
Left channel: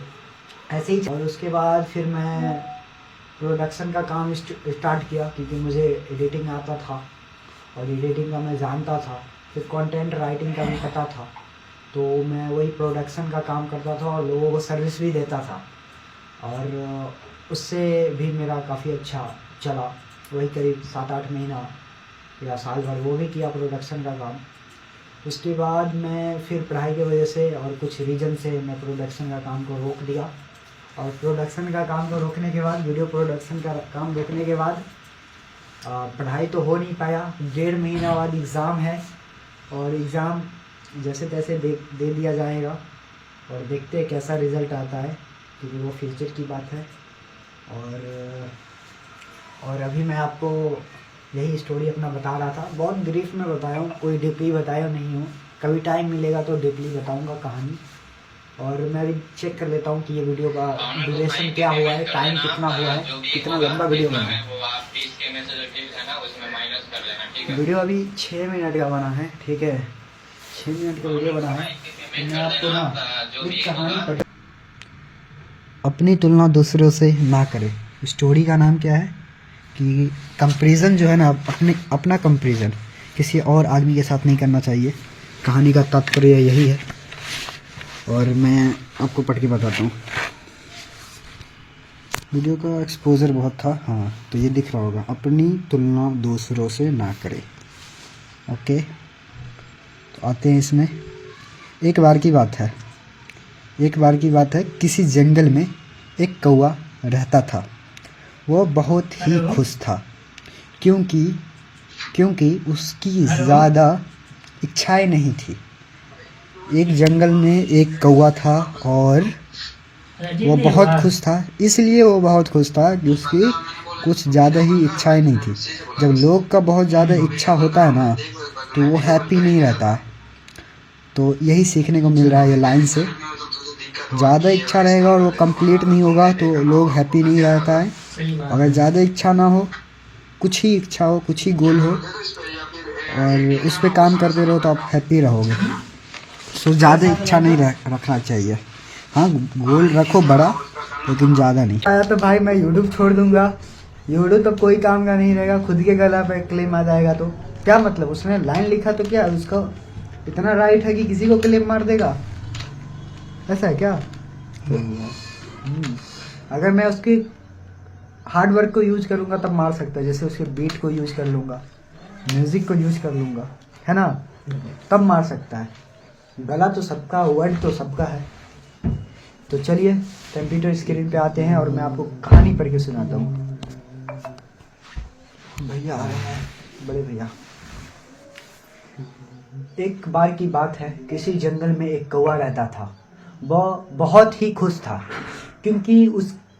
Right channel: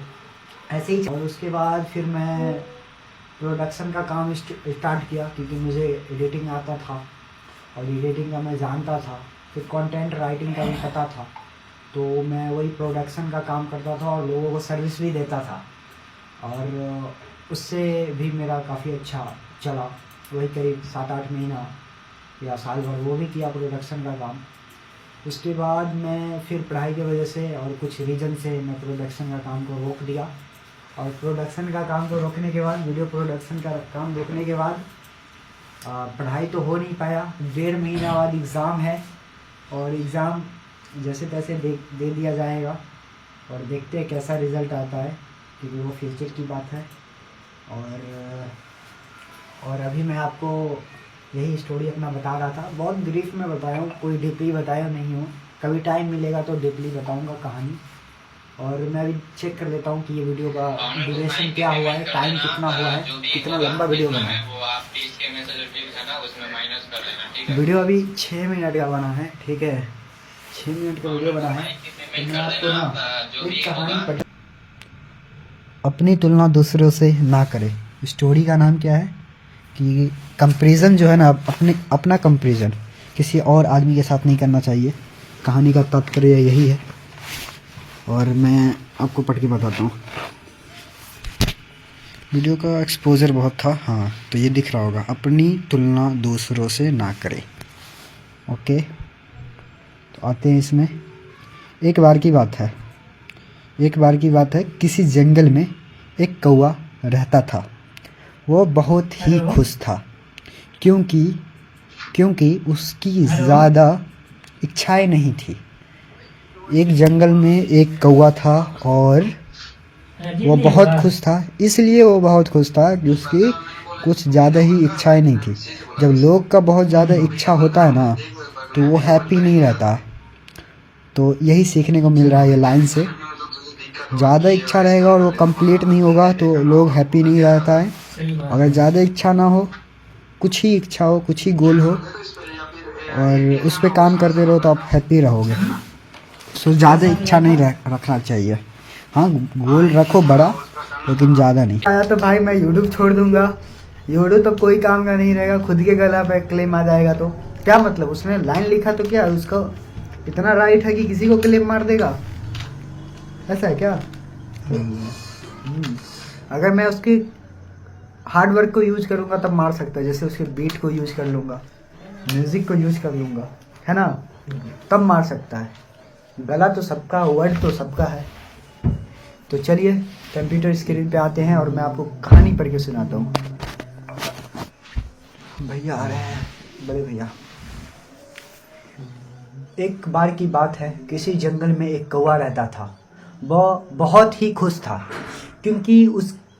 ऐसे ही। और उसके बाद फिर मैं प्रोडक्शन का काम स्टार्ट किया क्योंकि मुझे एडिटिंग आता था और एडिटिंग का मैं जानता था। फिर कंटेंट राइटिंग का भी पता था तो मैं वही प्रोडक्शन का काम करता था और लोगों को सर्विस भी देता था और उससे भी मेरा काफ़ी अच्छा चला। वही करीब 7-8 महीना या साल भर वो भी किया प्रोडक्शन का काम। उसके बाद मैं फिर पढ़ाई की वजह से और कुछ रीज़न से मैं प्रोडक्शन का काम को रोक दिया और प्रोडक्शन का काम को रोकने के बाद वीडियो प्रोडक्शन का काम रोकने के बाद पढ़ाई तो हो नहीं पाया। 1.5 महीना बाद एग्ज़ाम है और एग्ज़ाम जैसे तैसे दे दिया जाएगा और देखते हैं कैसा रिज़ल्ट आता है क्योंकि वो फ्यूचर की बात है। और अभी मैं आपको यही स्टोरी अपना बता रहा था। बहुत ब्रीफ में बताया हूँ, कोई डीपली बताया नहीं हूँ। कभी टाइम मिलेगा तो डीपली बताऊँगा कहानी। और मैं अभी चेक कर लेता हूँ कि ये वीडियो का ड्यूरेशन क्या हुआ है, टाइम कितना हुआ है, कितना लंबा वीडियो बना है। वीडियो अभी 6 मिनट का बना है, ठीक है, 6 मिनट का वीडियो बना है। तो मैं आपको ना एक कहानी अपनी तुलना दूसरों से ना करें। स्टोरी का नाम क्या है कि कंपैरिजन जो है ना, अपना कंपैरिजन किसी और आदमी के साथ नहीं करना चाहिए। कहानी का तात्पर्य यही है और मैं आपको पढ़ के बताता हूँ। वीडियो का एक्सपोजर बहुत था, हाँ तो ये दिख रहा होगा। अपनी तुलना दूसरों से ना करें। ओके, तो आते हैं इसमें। एक बार की बात है, किसी जंगल में एक कौवा रहता था। वो बहुत ही खुश था क्योंकि उसकी ज़्यादा इच्छाएं नहीं थी। एक जंगल में एक कौवा था और वो बहुत खुश था। इसलिए वो बहुत खुश था कि उसकी कुछ ज़्यादा ही इच्छाएं नहीं थी। जब लोग का बहुत ज़्यादा इच्छा होता है ना तो वो हैप्पी नहीं रहता है। तो यही सीखने को मिल रहा है ये लाइन से। ज़्यादा इच्छा रहेगा और वो कंप्लीट नहीं होगा तो लोग हैप्पी नहीं रहता है। अगर ज़्यादा इच्छा ना हो, कुछ ही इच्छा हो, कुछ ही गोल हो और उस पर काम करते रहो तो आप हैप्पी रहोगे। सो ज़्यादा इच्छा नहीं रखना चाहिए। हाँ, गोल रखो बड़ा लेकिन ज़्यादा नहीं। आया तो भाई मैं यूट्यूब छोड़ दूंगा। यूट्यूब तो कोई काम का नहीं रहेगा, खुद के गला पे क्लेम आ जाएगा तो क्या मतलब। उसने लाइन लिखा तो क्या उसका इतना राइट है कि किसी को क्लेम मार देगा, ऐसा क्या? अगर मैं उसकी हार्ड वर्क को यूज करूंगा तब मार सकता है। जैसे उसके बीट को यूज कर लूंगा, म्यूजिक को यूज कर लूंगा, है ना, तब मार सकता है। गला तो सबका, वर्ड तो सबका है। तो चलिए कंप्यूटर स्क्रीन पे आते हैं और मैं आपको कहानी पढ़ के सुनाता हूँ। भैया आ रहे हैं, बड़े भैया। एक बार की बात है, किसी जंगल में एक कौवा रहता था। वह बहुत ही खुश था क्योंकि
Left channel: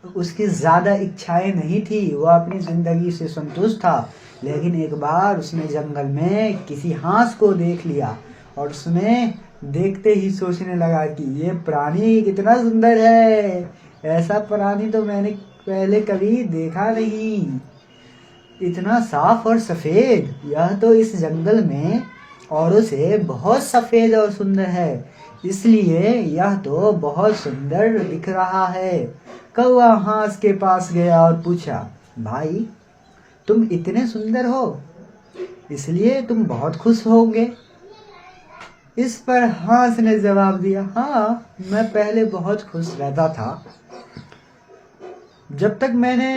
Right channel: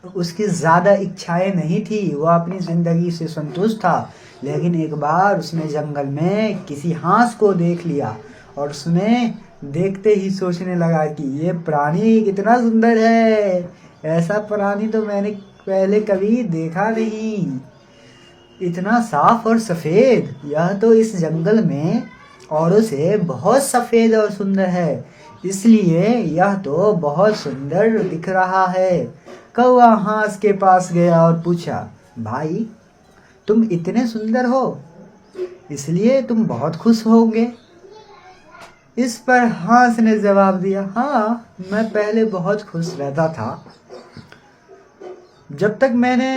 उसकी ज़्यादा इच्छाएं नहीं थी। वह अपनी ज़िंदगी से संतुष्ट था। लेकिन एक बार उसने जंगल में किसी हंस को देख लिया और उसने देखते ही सोचने लगा कि ये प्राणी कितना सुंदर है। ऐसा प्राणी तो मैंने पहले कभी देखा नहीं। इतना साफ और सफ़ेद, यह तो इस जंगल में औरों से बहुत सफ़ेद और सुंदर है, इसलिए यह तो बहुत सुंदर दिख रहा है। कौवा हंस के पास गया और पूछा, भाई तुम इतने सुंदर हो इसलिए तुम बहुत खुश होंगे। इस पर हंस ने जवाब दिया, हाँ मैं पहले बहुत खुश रहता था जब तक मैंने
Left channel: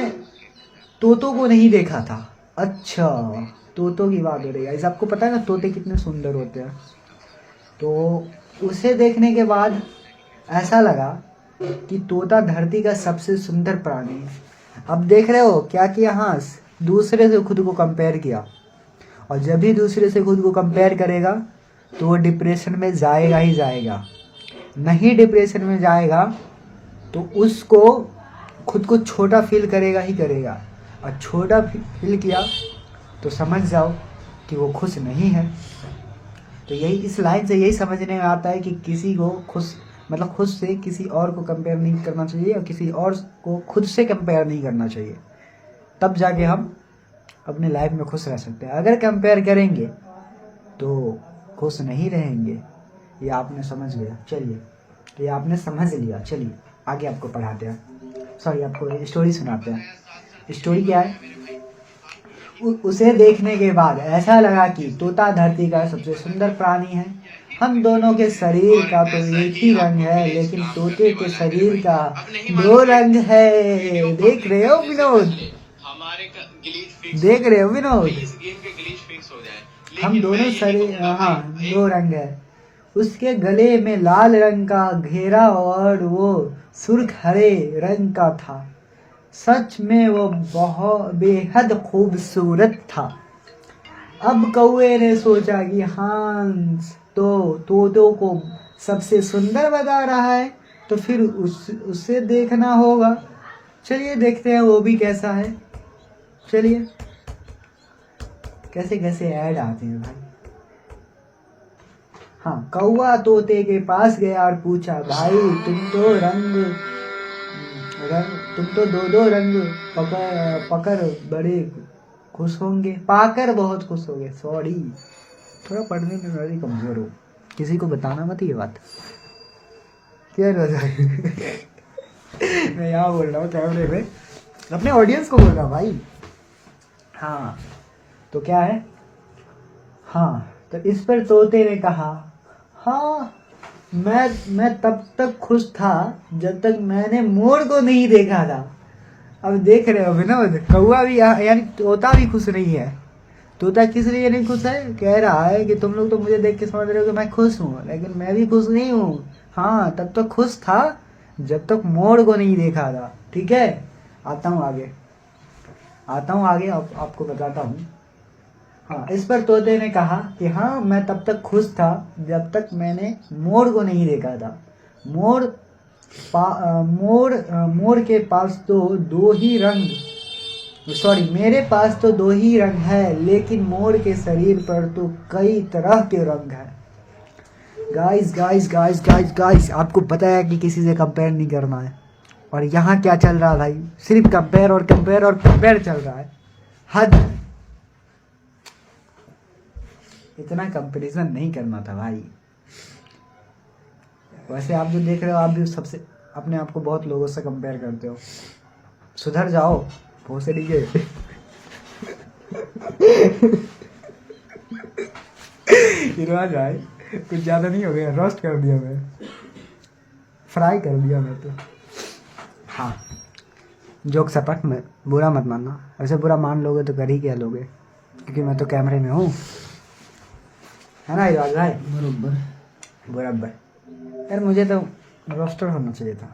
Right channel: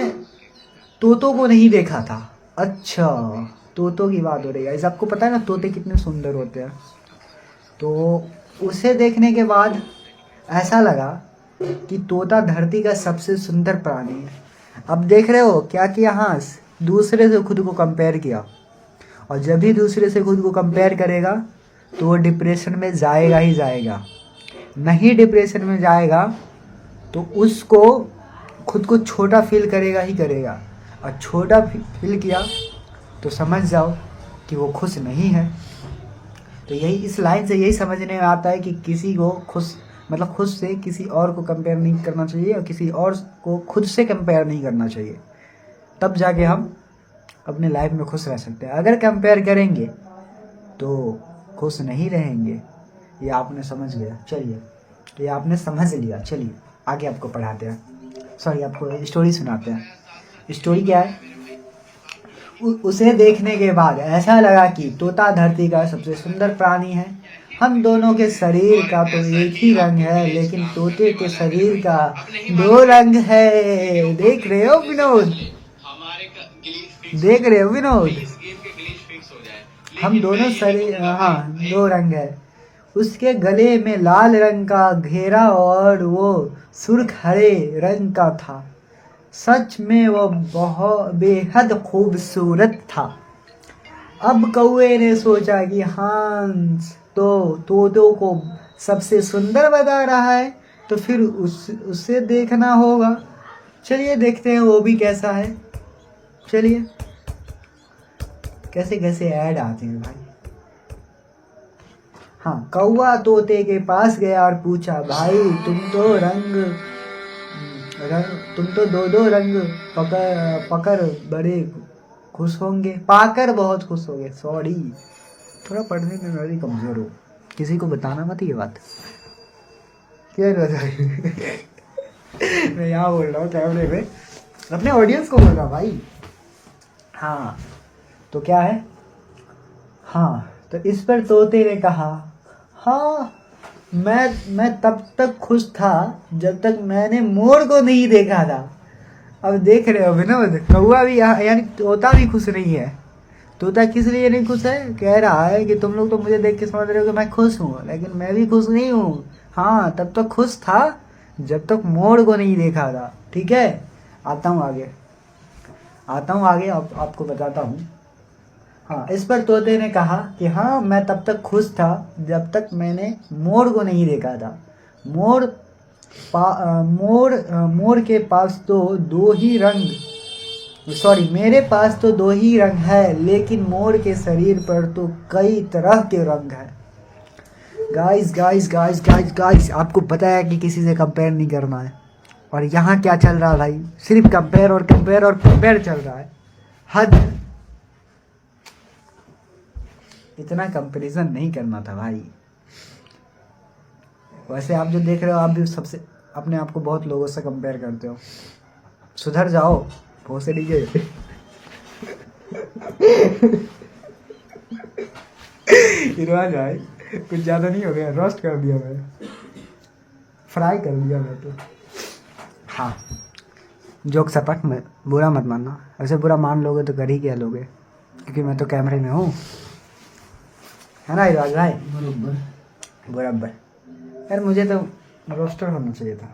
तोतों को नहीं देखा था। अच्छा, तोतों की बात हो रही है। आपको पता है ना तोते कितने सुंदर होते हैं। तो उसे देखने के बाद ऐसा लगा कि तोता धरती का सबसे सुंदर प्राणी है। अब देख रहे हो क्या किया हंस, दूसरे से खुद को कंपेयर किया। और जब भी दूसरे से खुद को कंपेयर करेगा तो वो डिप्रेशन में जाएगा ही जाएगा। नहीं डिप्रेशन में जाएगा तो उसको खुद को छोटा फील करेगा ही करेगा। और छोटा फील किया तो समझ जाओ कि वो खुश नहीं है। तो यही इस लाइन से यही समझने में आता है कि किसी को खुद से किसी और को कंपेयर नहीं करना चाहिए और किसी और को खुद से कंपेयर नहीं करना चाहिए। तब जाके हम अपने लाइफ में खुश रह सकते हैं। अगर कंपेयर करेंगे तो खुश नहीं रहेंगे। ये आपने समझ गया। चलिए, ये आपने समझ लिया। चलिए आगे आपको पढ़ाते हैं, सॉरी आपको स्टोरी सुनाते हैं। स्टोरी क्या है? उसे देखने के बाद ऐसा लगा कि तोता धरती का सबसे सुंदर प्राणी है। हम दोनों के शरीर का तो एक ही रंग है, लेकिन तोते के शरीर का 2 रंग है। देख रहे हो विनोद? देख रहे हो विनोद? हम दोनों शरीर 2 रंग है। उसके गले में लाल रंग का घेरा और वो सुर्ख हरे रंग का था। सच में वो बहुत बेहद खूबसूरत था। अब कौवे ने सोचा कि हंस तो तोतों को सबसे सुंदर बता रहा है, तो फिर उसे देखना होगा। चलिए देखते हैं वो भी कैसा है। चलिए, कैसे कैसे ऐड आते हैं भाई। हाँ, कौवा तोते के पास गया और पूछा, भाई तुम तो 2 रंग पकड़ बड़े खुश होंगे, पाकर बहुत खुश होंगे। सॉरी, थोड़ा पढ़ने में मैं भी कमजोर हूँ। किसी को बताना मत ये बात। क्या मैं यहाँ बोल रहा हूँ कैमरे में, अपने ऑडियंस को बोल रहा भाई। हाँ तो क्या है? हाँ तो इस पर तोते ने कहा, हाँ मैं तब तक खुश था जब तक मैंने मोर को नहीं देखा था। अब देख रहे हो विनोद, कौवा भी यानी तोता भी खुश नहीं है। तोता किस लिए नहीं खुश है? कह रहा है कि तुम लोग तो मुझे देख के समझ रहे हो कि मैं खुश हूँ, लेकिन मैं भी खुश नहीं हूँ। हाँ, तब तक खुश था जब तक मोर को नहीं देखा था। ठीक है, आता हूँ आगे आपको बताता हूँ। हाँ, इस पर तोते ने कहा कि हाँ मैं तब तक खुश था जब तक मैंने मोर को नहीं देखा था। मोर के पास तो 2 ही रंग, सॉरी मेरे पास तो 2 ही रंग है, लेकिन मोर के शरीर पर तो कई तरह के रंग है। गाइस, आपको पता है कि किसी से कंपेयर नहीं करना है। और यहाँ क्या चल रहा है भाई? सिर्फ कंपेयर चल रहा है। हद, इतना कंपैरिजन नहीं करना था भाई। वैसे आप जो देख रहे हो, आप भी सबसे अपने आप को बहुत लोगों से कंपेयर करते हो। सुधर जाओ भोसड़ी के। भाई कुछ ज़्यादा नहीं हो गया, रोस्ट कर दिया मैं, फ्राई कर दिया मैं तो। हाँ, जोक सपट में बुरा मत मानना। ऐसे बुरा मान लोगे तो कर ही क्या लोगे, क्योंकि मैं तो कैमरे में हूँ, है ना इराज भाई? बराबर यार, मुझे तो रोस्टर होना चाहिए था।